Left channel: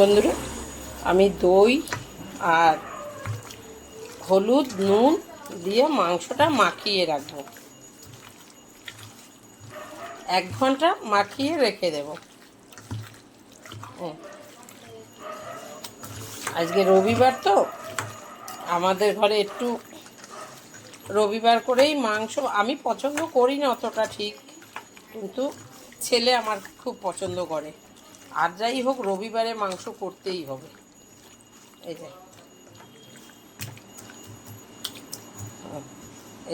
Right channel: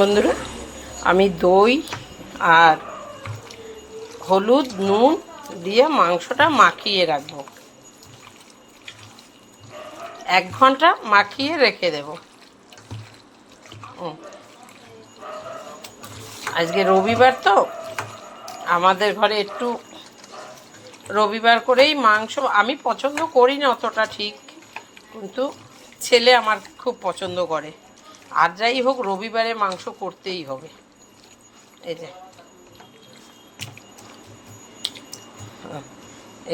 বন্ধুরা, আমি দই আর হলুদ, নুন দিয়ে মাংসটা মাখিয়ে রাখব। এক ঘণ্টা মাখিয়ে রেখে দেব। আজকে রবিবার তো, আমাদের ঘরে একটু রবিবার করেই মাংস, আমি পছন্দ করি না অতটা ঠিক, কিন্তু ছেলে আমার খুব পছন্দ করে। আর যাই হোক, রবিবারে মাংস করতেই হবে। এই যে।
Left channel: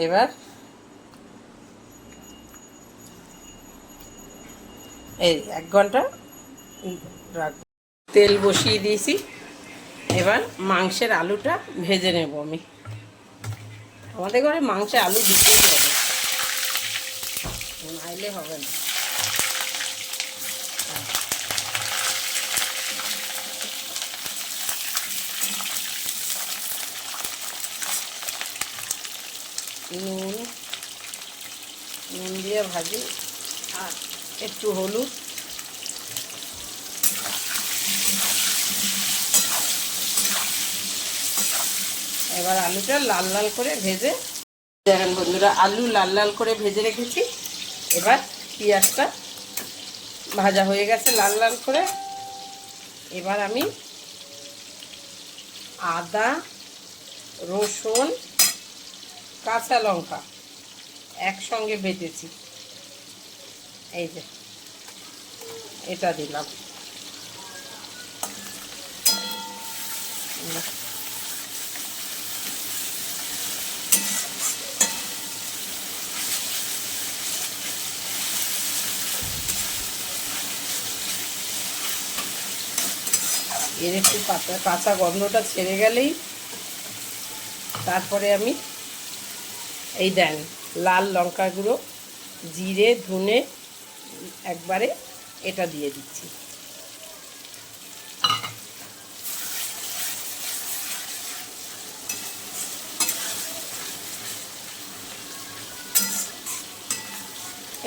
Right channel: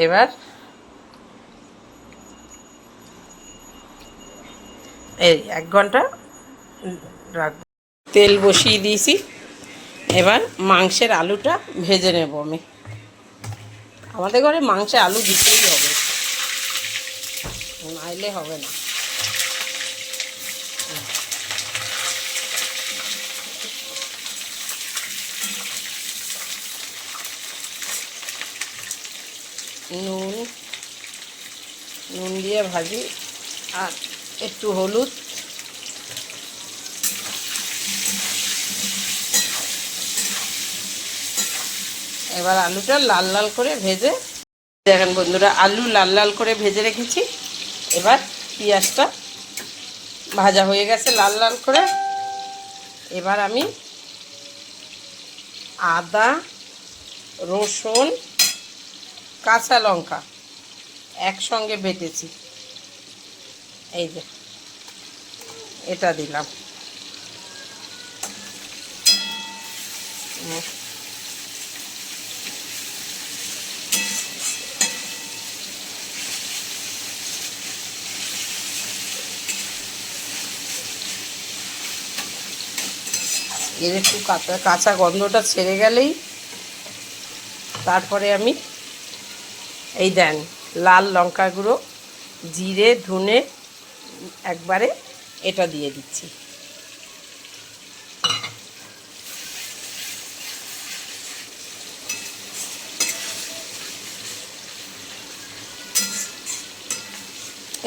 এবার এই এক ঘণ্টা রাখব তেল বসিয়ে দিয়েছি। এবার মাংসের আলুটা ভেজে নেব আমি। আমাদের ঘরে মাংসে আলু দিতেই হবে। নাইলে হবে না। নুন নুন দিয়ে ভাজি, আর একটু হলুদ। এবার আলুটা লাল লাল করে ভেজে, দেখেন বন্ধুরা, আলু লাল লাল করে ভেজে রেখেছি। এবার পেঁয়াজটা ভাজা হয়ে গেছে লাল লাল করে। এবার আমি আদা, রসুন কাঁচা লঙ্কা একসঙ্গে বেটেছি এই যে, এটা দিলাম। এর একটু কাঁচা কাঁচা গন্ধটা ছেড়ে গেলেই তারপরে আমি এই দেন, লাল লঙ্কা গুঁড়ো, জিরে, ধনে, একবারে এটা দিয়ে দিচ্ছি।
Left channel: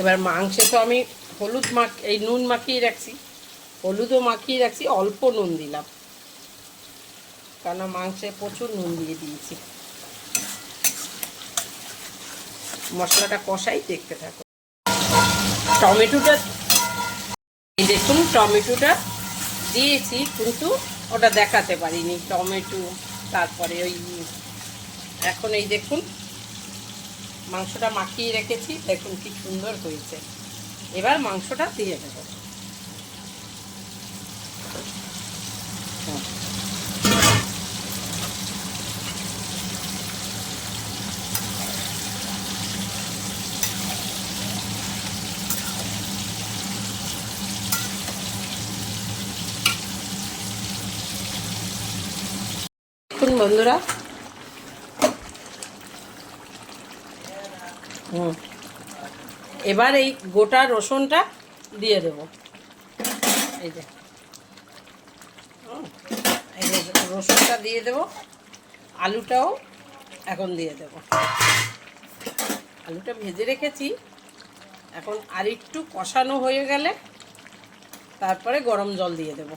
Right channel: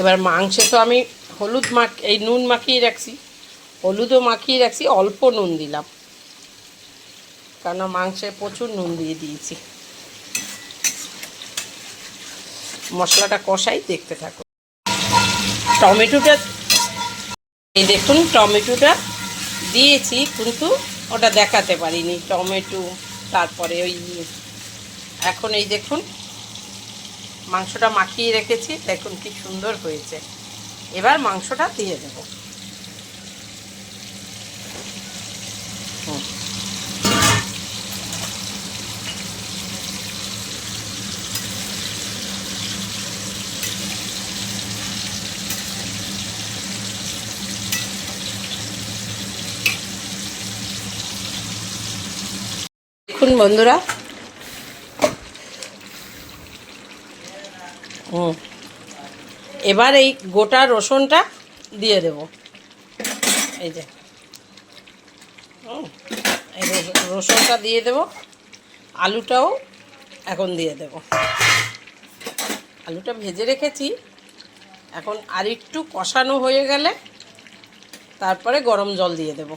এবার মাংসে তো আমি হলুদ মাখ, এই নুন মাখিয়ে রাখছি। হলুদও মাখিয়ে রাখছি, অল্প নুন দিলাম। কেন মাংসে প্রচুর নুন দিয়ে দিয়েছি। মশলাটা কষাই দেখতে থাকো। টমেটোটা, এই দেখুন টমেটোটা দিয়েছি, কিন্তু ওটা দেখাতে পারিনি। টমেটো, তারপরে ওই, এখন এই দেখুন, মাংসটা মাখিয়ে রেখেছি। দেখুন কি সুন্দর হয়েছে। এবার মাংসটা দিয়ে দেবো। দেখুন বন্ধুরা। হুম। এবার এই গোটা রসুনটা দিয়ে দেব। এই যে। রসুনটা দিয়ে দেব। আলুটাও এখন দিয়ে দেব। আলুটা ভেজে রেখেছি। এখন আর একটু কষানো হয়ে গেলে তারপরে গরম জল দিয়ে দেব।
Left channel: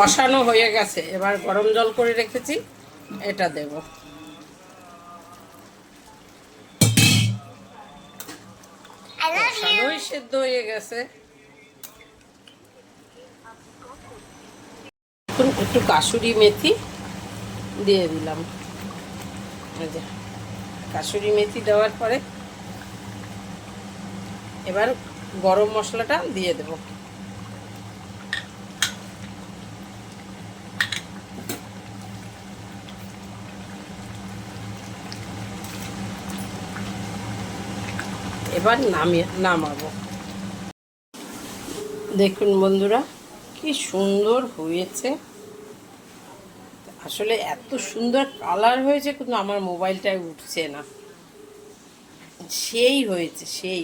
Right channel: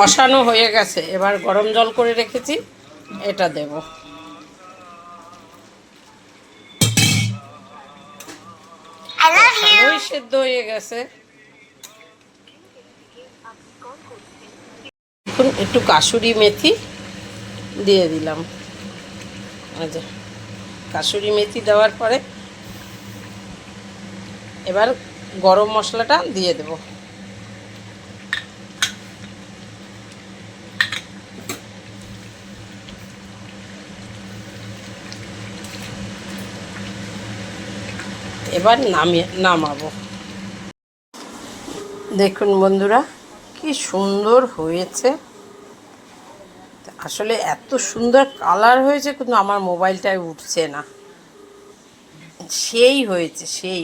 কষানো হয়ে গেছে। এবার গরম জল করে রেখেছি এটা দেব। সেদ্ধ হয়ে গেছে। এখন একটু কাসুরি মেথি দিয়ে দিলাম। যে কাসুরি মেথি দেওয়ার পরে এবার গরম মশলাটা দিয়ে দেবো। এবার নামিয়ে, নামাবো। দেখুন বন্ধুরা, কি সুন্দর হয়েছে। আসলে এত সুন্দর কালার হয়েছে, কিন্তু আমার মোবাইলটায় উঠছে না। সেই হয়েছে, সেই।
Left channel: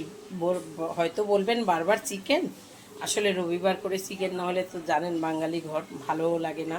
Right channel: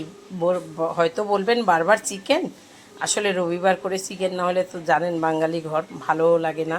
হয়তো বলবেন বারবার চিকেন? আসলে রবিবার করে চিকেন না হলে তো জানেন বাঙালি ঘর, ভালোও লাগে না।